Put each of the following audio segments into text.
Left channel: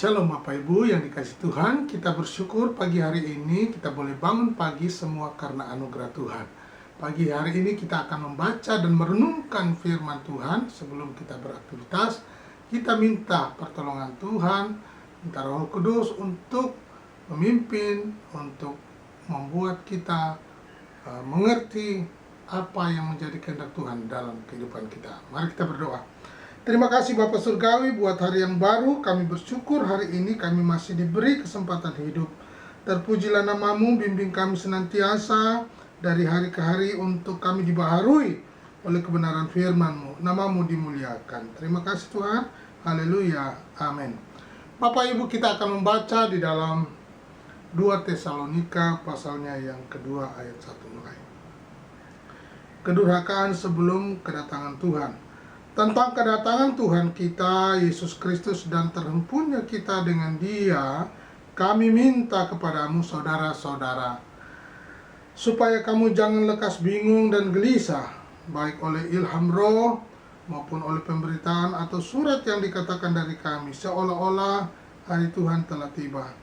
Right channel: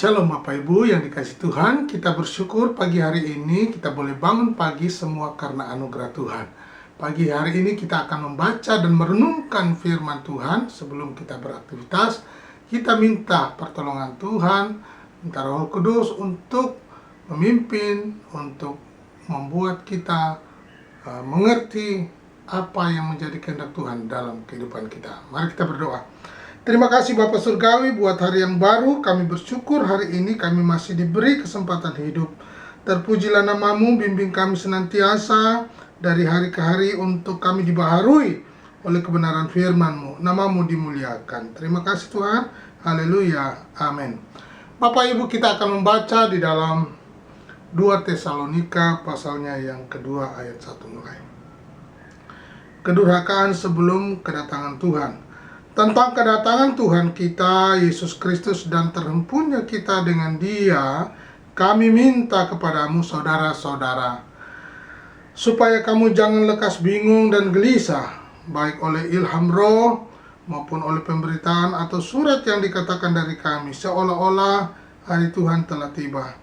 Shalom Bapak Ibu yang dikasih Tuhan, kita bersyukur pagi hari ini kita boleh bangun pagi semua karena anugerah Tuhan. Pagi hari ini kita akan membaca dan merenungkan firman Tuhan. Sebelum kita beraktivitas, kita minta pertolongan Tuhan, minta Roh Kudus untuk memimpin, untuk membuat kita mengerti apa yang menjadi kehendak Tuhan dalam kehidupan kita. Mari kita berdoa. Terima kasih Bapak Surgawi buat hari yang baru. Kami bersyukur hari ini kami masih diberi kesempatan hidup. Terpujilah namamu, bimbing kami senantiasa dari hari ke hari untuk kami dibaharui oleh kebenaran firman-Mu. Namamu dimuliakan. Terima kasih Tuhan. Haleluya. Amin. Bapak Ibu, kita akan membaca di dalam 2 Tesalonika pasalnya yang kedua ayat 1 mulai. Kedurhakaan sebelum kedatangan Tuhan. Tentang kedatangan Tuhan kita, Yesus Kristus, dan terhempunya kita dengan Dia, kami minta kepadamu saudara-saudara, supaya kamu jangan lekas bingung dan gelisah, baik oleh ilham roh, maupun oleh pemberitaan atau surat yang dikatakan dari kami, seolah-olah hari Tuhan telah tiba.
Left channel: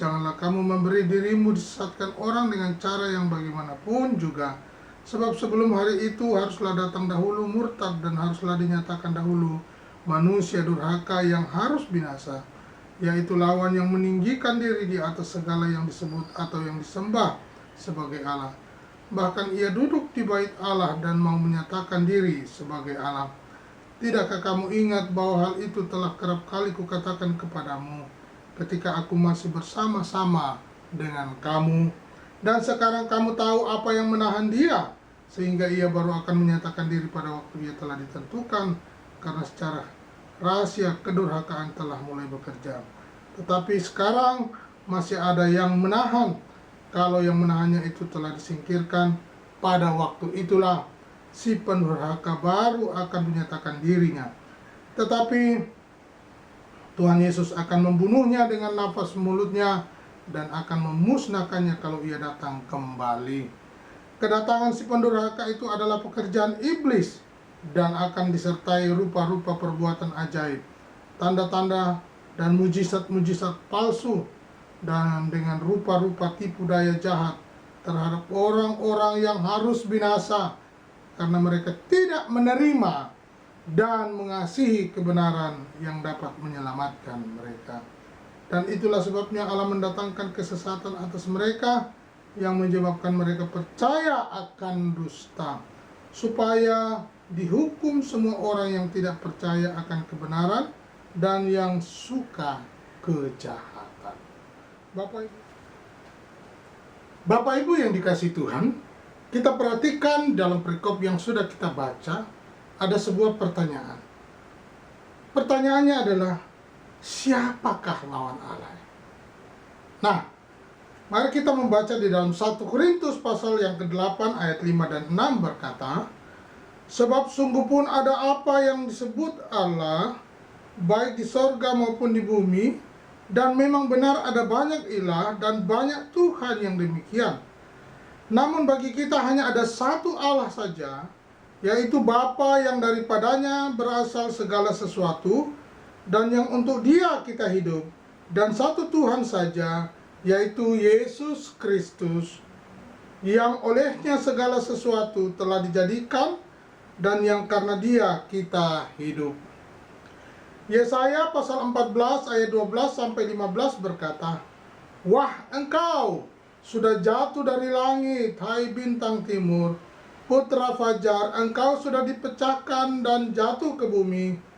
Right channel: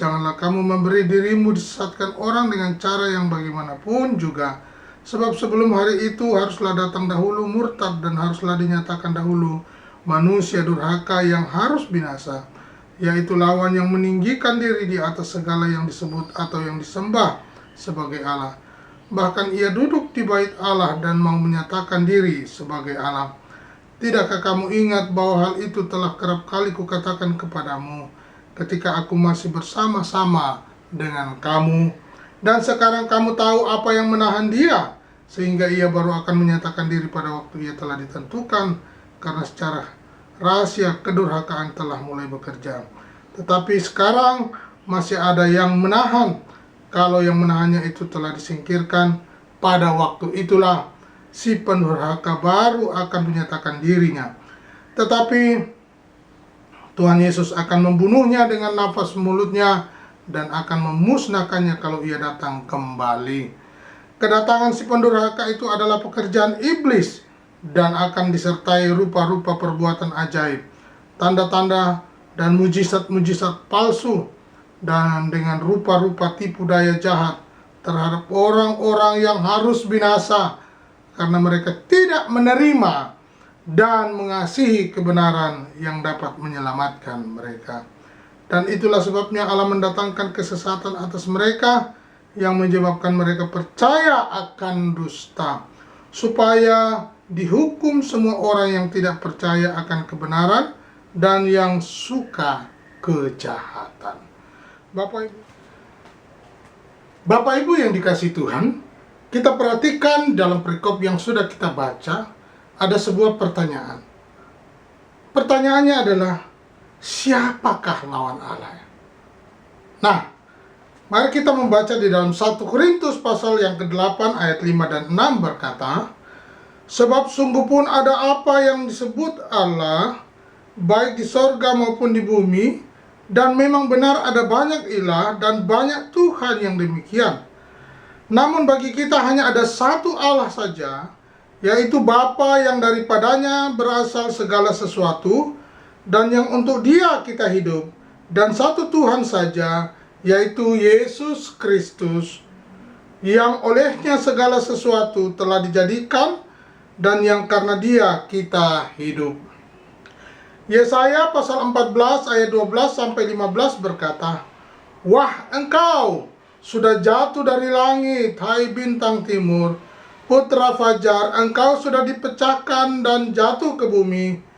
Janganlah kamu memberi dirimu disesatkan orang dengan cara yang bagaimanapun juga, sebab sebelum hari itu haruslah datang dahulu murtad dan haruslah dinyatakan dahulu manusia durhaka yang harus binasa, yaitu lawan yang meninggikan diri di atas segala yang disebut atau yang disembah sebagai Allah. Bahkan ia duduk di bait Allah dan mau menyatakan diri sebagai Allah. Tidakkah kamu ingat bahwa hal itu telah kerap kali kukatakan kepadamu ketika aku masih bersama-sama dengan kamu? Dan sekarang kamu tahu apa yang menahan dia, sehingga ia baru akan menyatakan diri pada waktu ia telah ditentukan, karena secara rahasia kedurhakaan telah mulai bekerja. Tetapi sekarang masih ada yang menahan. Kalau yang menahannya itu telah disingkirkan, pada waktu itulah si pendurhaka baru akan menyatakan dirinya. Tetapi Tuhan Yesus akan membunuhnya dengan nafas mulutnya dan akan memusnahkannya kalau ia datang kembali. Kedatangan si pendurhaka itu adalah pekerjaan iblis dan akan disertai rupa-rupa perbuatan ajaib, tanda-tanda dan mujizat-mujizat palsu, dan dengan rupa-rupa tipu daya jahat terhadap orang-orang yang harus binasa karena mereka tidak menerima dan mengasihi kebenaran yang dapat menyelamatkan mereka. Dan itulah sebabnya Allah mendatangkan kesesatan atas mereka yang menyebabkan mereka percaya akan dusta, supaya dihukum semua orang yang tidak percaya akan kebenaran dan yang suka kejahatan. Bapak Ibu yang dikasihi Tuhan, kita perhatikan dalam perikop yang sudah kita baca, ada sebuah pertanyaan. Pertanyaannya adalah, siapakah lawan Allah? Nah, mari kita membaca di dalam 1 Korintus pasal yang ke-8 ayat 5 dan 6 berkata, sebab sungguh pun ada apa yang disebut Allah, baik di sorga maupun di bumi, dan memang benar ada banyak ilah dan banyak Tuhan yang demikian. Namun bagi kita hanya ada satu Allah saja, yaitu Bapa yang daripadanya berasal segala sesuatu, dan yang untuk Dia kita hidup, dan satu Tuhan saja, yaitu Yesus Kristus, yang olehnya segala sesuatu telah dijadikan, dan yang karena Dia kita hidup. Yesaya pasal 14 ayat 12 sampai 15 berkata, wah, engkau sudah jatuh dari langit, hai bintang timur, putra fajar, engkau sudah dipecahkan dan jatuh ke bumi.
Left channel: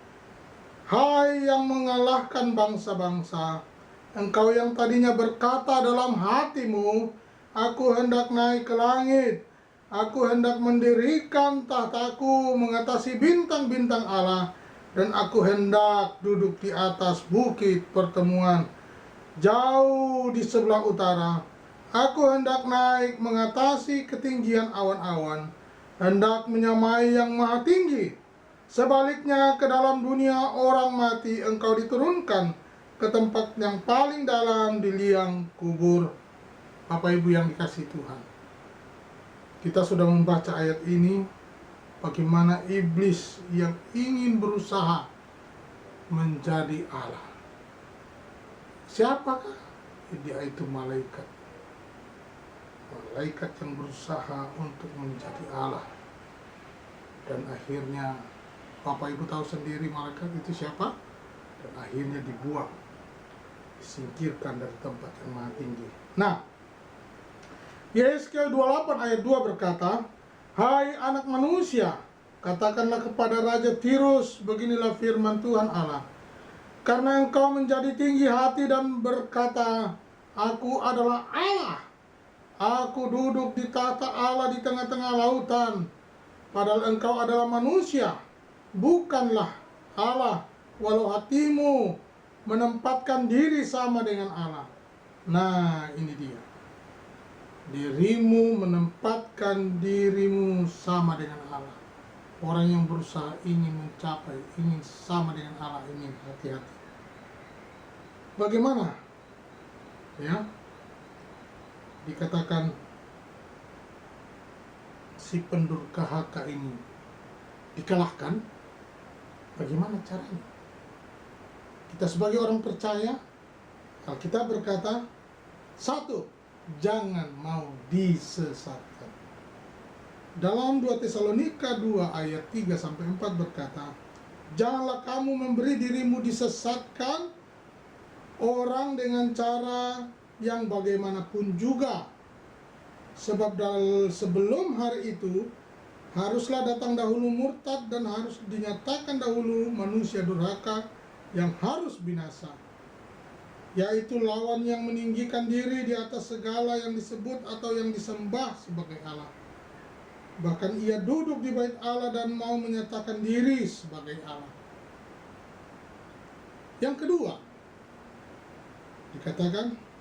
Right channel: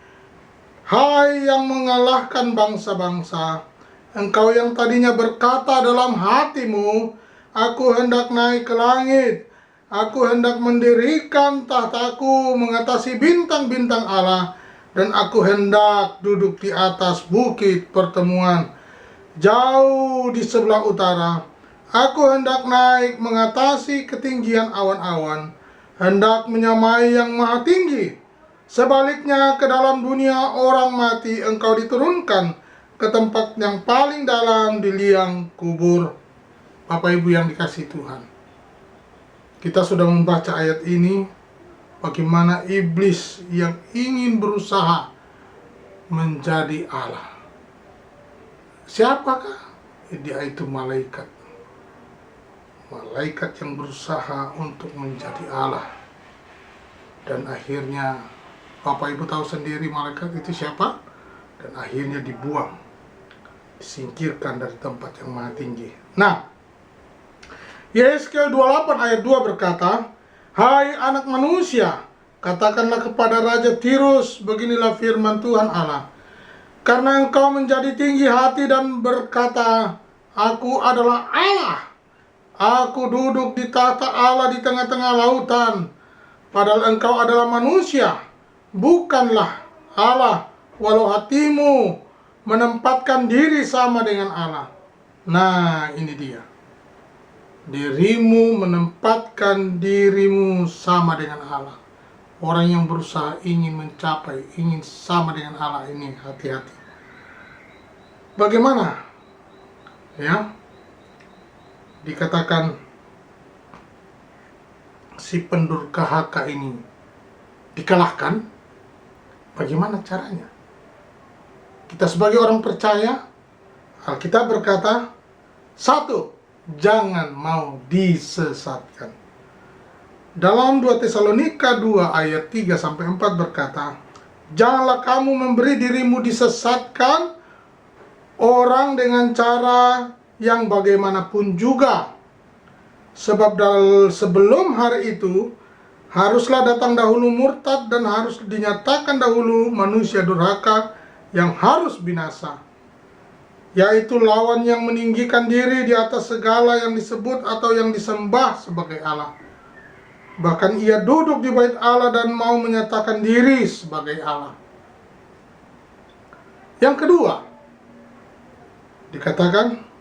Hai yang mengalahkan bangsa-bangsa, engkau yang tadinya berkata dalam hatimu, aku hendak naik ke langit, aku hendak mendirikan tahtaku mengatasi bintang-bintang Allah, dan aku hendak duduk di atas bukit pertemuan, jauh di sebelah utara. Aku hendak naik mengatasi ketinggian awan-awan, hendak menyamai yang maha tinggi. Sebaliknya ke dalam dunia orang mati engkau diturunkan ke tempat yang paling dalam di liang kubur. Bapak Ibu yang dikasihi Tuhan, kita sudah membaca ayat ini, bagaimana iblis yang ingin berusaha menjadi Allah. Siapakah? Dia itu malaikat. Malaikat yang berusaha untuk menjadi Allah. Dan akhirnya Bapak Ibu tahu sendiri malaikat itu siapa? Dan akhirnya dibuang, disingkirkan dari tempat yang maha tinggi. Nah, Yesaya 28 ayat 2 berkata, "Hai anak manusia, katakanlah kepada Raja Tirus, beginilah firman Tuhan Allah. Karena engkau menjadi tinggi hati dan berkata, Aku adalah Allah. Aku duduk di tahta Allah di tengah-tengah lautan. Padahal engkau adalah manusia, bukanlah Allah, walau hatimu menempatkan diri sama dengan Allah." Nah, ini dia. Dirimu menempatkan dirimu sama dengan Allah. Orang yang berusaha ingin mencapai, ingin sama dengan Allah ini, hati-hati. Bagaimana? Ya, dikatakan si pendurhaka ini dikalahkan. Bagaimana caranya? Kita sebagai orang percaya, Alkitab berkata, satu, jangan mau disesatkan. Dalam 2 Tesalonika 2 ayat 3-4 berkata, "Janganlah kamu memberi dirimu disesatkan orang dengan cara yang bagaimanapun juga. Sebab sebelum hari itu, haruslah datang dahulu murtad dan harus dinyatakan dahulu manusia durhaka yang harus binasa, yaitu lawan yang meninggikan diri di atas segala yang disebut atau yang disembah sebagai Allah. Bahkan ia duduk di bait Allah dan mau menyatakan diri sebagai Allah." Yang kedua, dikatakan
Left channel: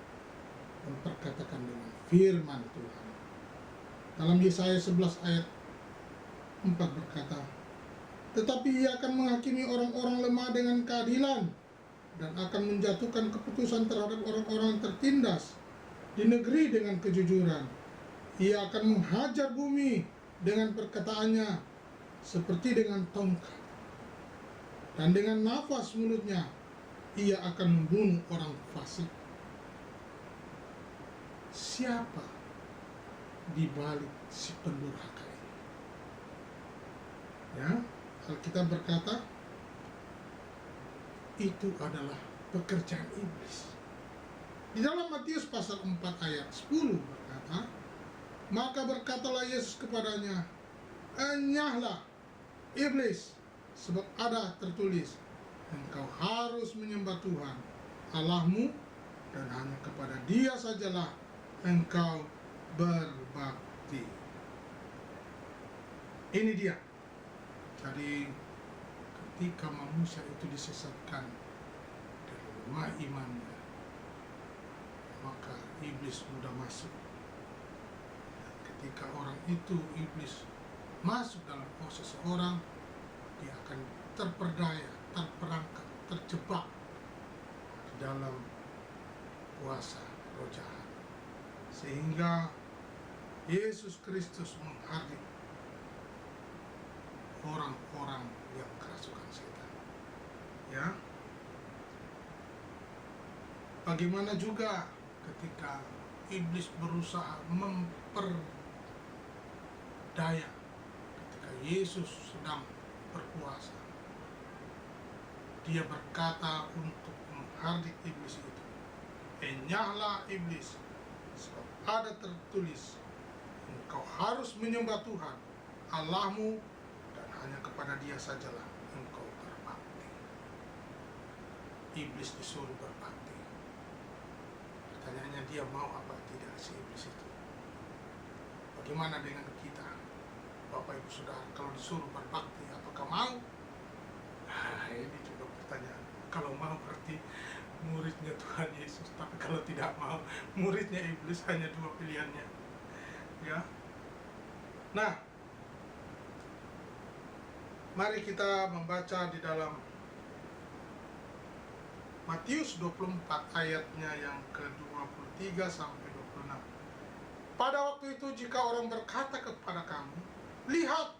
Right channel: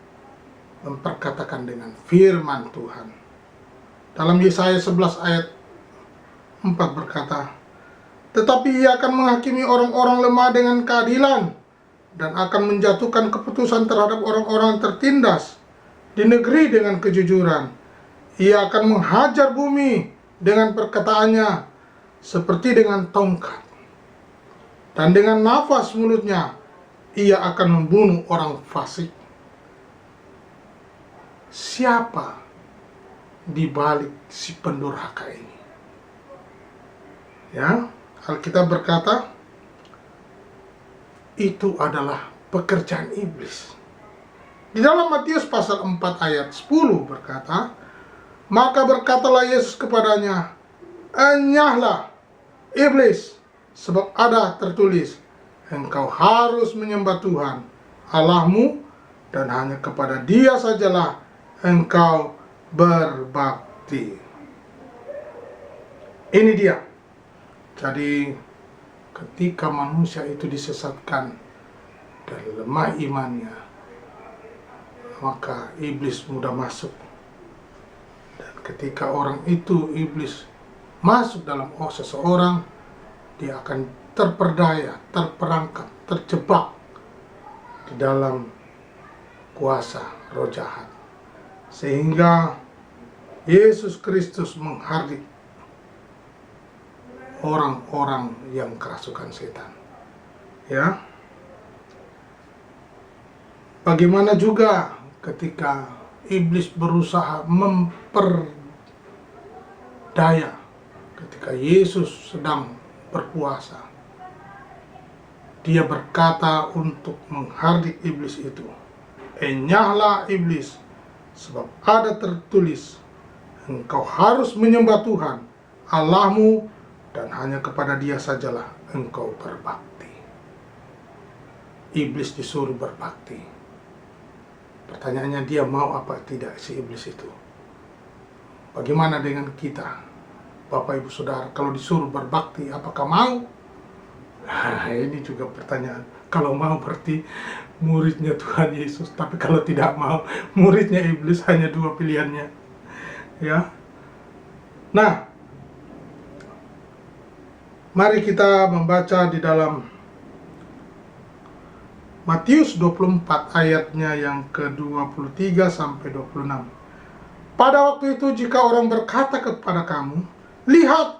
memperkatakan dengan firman Tuhan. Dalam Yesaya 11 ayat 4 berkata, "Tetapi ia akan menghakimi orang-orang lemah dengan keadilan dan akan menjatuhkan keputusan terhadap orang-orang tertindas di negeri dengan kejujuran. Ia akan menghajar bumi dengan perkataannya seperti dengan tongkat, dan dengan nafas mulutnya ia akan membunuh orang fasik." Siapa di balik si pendurhaka ini? Ya, Alkitab berkata, itu adalah pekerjaan iblis. Di dalam Matius pasal 4 ayat 10 berkata, "Maka berkatalah Yesus kepadanya, Enyahlah, iblis, sebab ada tertulis, engkau harus menyembah Tuhan, Allahmu, dan hanya kepada Dia sajalah engkau berbakti." Ini dia. Jadi, ketika manusia itu disesatkan dan lemah imannya, maka iblis mudah masuk. Dan ketika orang itu, iblis masuk dalam seseorang, dia akan terperdaya, terperangkap, terjebak di dalam kuasa roh jahat. Sehingga Yesus Kristus menghardik orang-orang yang kerasukan setan. Ya. Bagaimana juga ketika iblis berusaha memperdaya ketika Yesus sedang berpuasa. Dia berkata untuk menghardik iblis itu, "Enyahlah iblis, sebab ada tertulis, engkau harus menyembah Tuhan, Allahmu, dan hanya kepada Dia sajalah engkau berbakti." Iblis disuruh berbakti. Pertanyaannya, dia mau apa tidak si iblis itu? Bagaimana dengan kita, Bapak Ibu Saudara, kalau disuruh berbakti, apakah mau? Nah, ini juga pertanyaan. Kalau mau berarti muridnya Tuhan Yesus, tapi kalau tidak mau, muridnya iblis. Hanya dua pilihannya. Ya. Nah, mari kita membaca di dalam Matius 24 ayatnya yang ke-23 sampai 26. "Pada waktu itu jika orang berkata kepada kamu, lihat,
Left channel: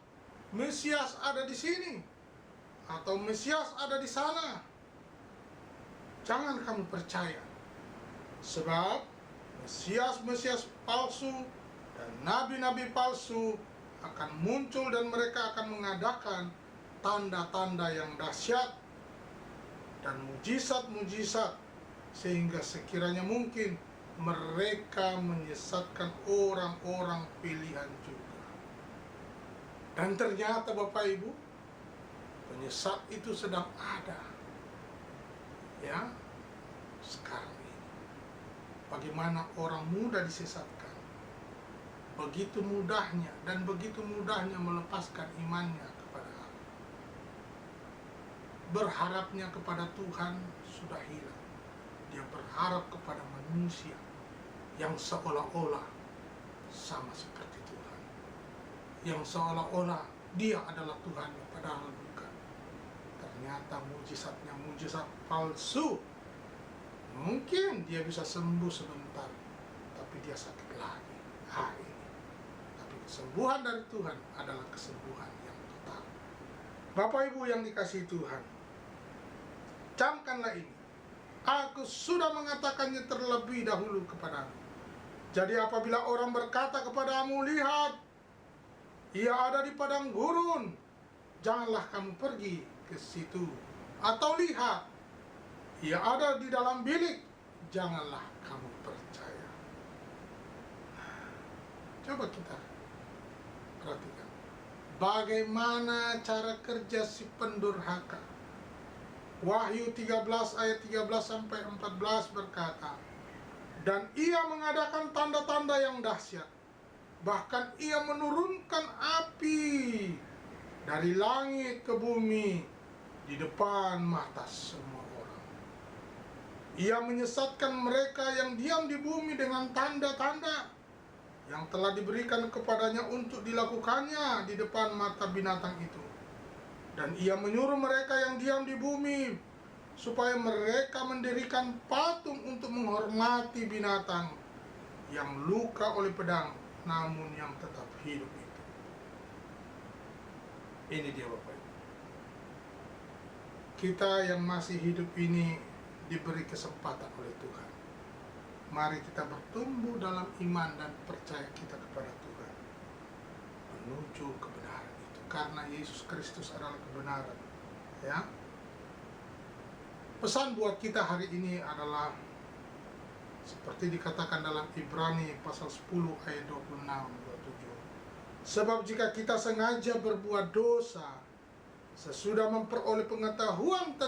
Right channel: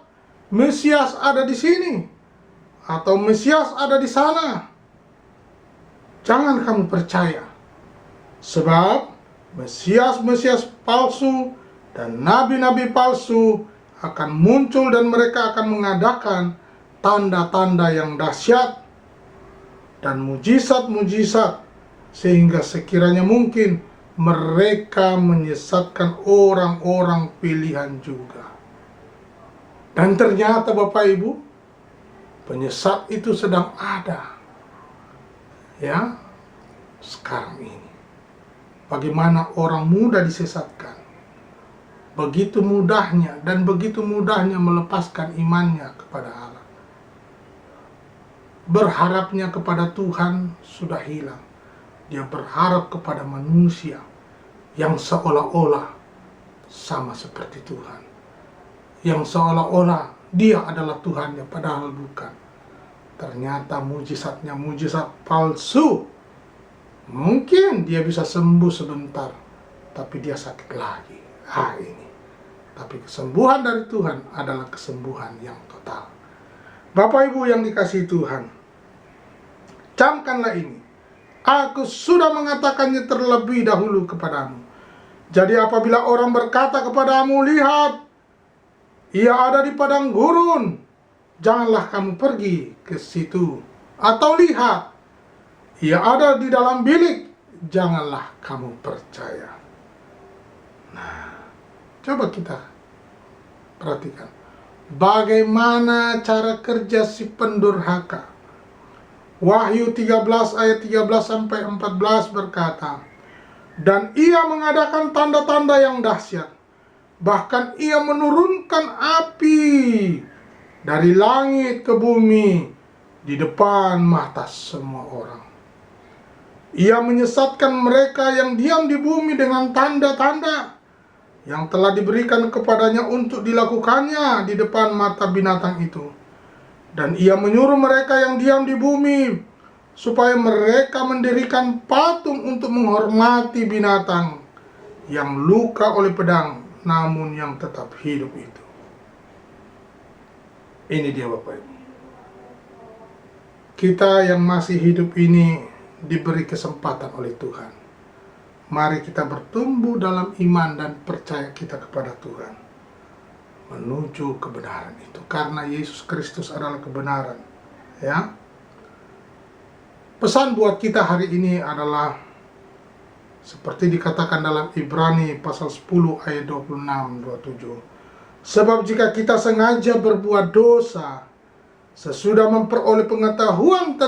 Mesias ada di sini, atau Mesias ada di sana, jangan kamu percaya. Sebab Mesias-Mesias palsu dan nabi-nabi palsu akan muncul dan mereka akan mengadakan tanda-tanda yang dahsyat dan mujizat-mujizat, sehingga sekiranya mungkin mereka menyesatkan orang-orang pilihan juga. Dan ternyata Bapak Ibu, penyesat itu sedang ada, ya, sekarang ini. Bagaimana orang mudah disesatkan, begitu mudahnya dan begitu mudahnya melepaskan imannya kepada Allah. Berharapnya kepada Tuhan sudah hilang. Dia berharap kepada manusia yang seolah-olah sama seperti Tuhan, yang seolah-olah dia adalah Tuhannya, padahal bukan. Ternyata mujizatnya mujizat palsu. Mungkin dia bisa sembuh sebentar, tapi dia sakit lagi. Ini. Tapi kesembuhan dari Tuhan adalah kesembuhan yang total. Bapak Ibu yang dikasihi Tuhan, camkanlah ini. Aku sudah mengatakannya terlebih dahulu kepadamu. Jadi apabila orang berkata kepadamu, lihat, ia ada di padang gurun, janganlah kamu pergi ke situ. Atau lihat, ia ada di dalam bilik, janganlah kamu percaya. Nah, coba kita perhatikan bagaimana cara kerja si pendurhaka. Wahyu 13 ayat 13 sampai 14 berkata, dan ia mengadakan tanda-tanda yang dahsyat, bahkan ia menurunkan api dari langit ke bumi di depan mata semua orang. Ia menyesatkan mereka yang diam di bumi dengan tanda-tanda yang telah diberikan kepadanya untuk dilakukannya di depan mata binatang itu. Dan ia menyuruh mereka yang diam di bumi supaya mereka mendirikan patung untuk menghormati binatang yang luka oleh pedang, namun yang tetap hidup itu. Ini dia Bapak Ibu. Kita yang masih hidup ini diberi kesempatan oleh Tuhan. Mari kita bertumbuh dalam iman dan percaya kita kepada Tuhan, menuju kebenaran itu, karena Yesus Kristus adalah kebenaran. Ya, pesan buat kita hari ini adalah seperti dikatakan dalam Ibrani pasal 10 ayat 26-27. Sebab jika kita sengaja berbuat dosa sesudah memperoleh pengetahuan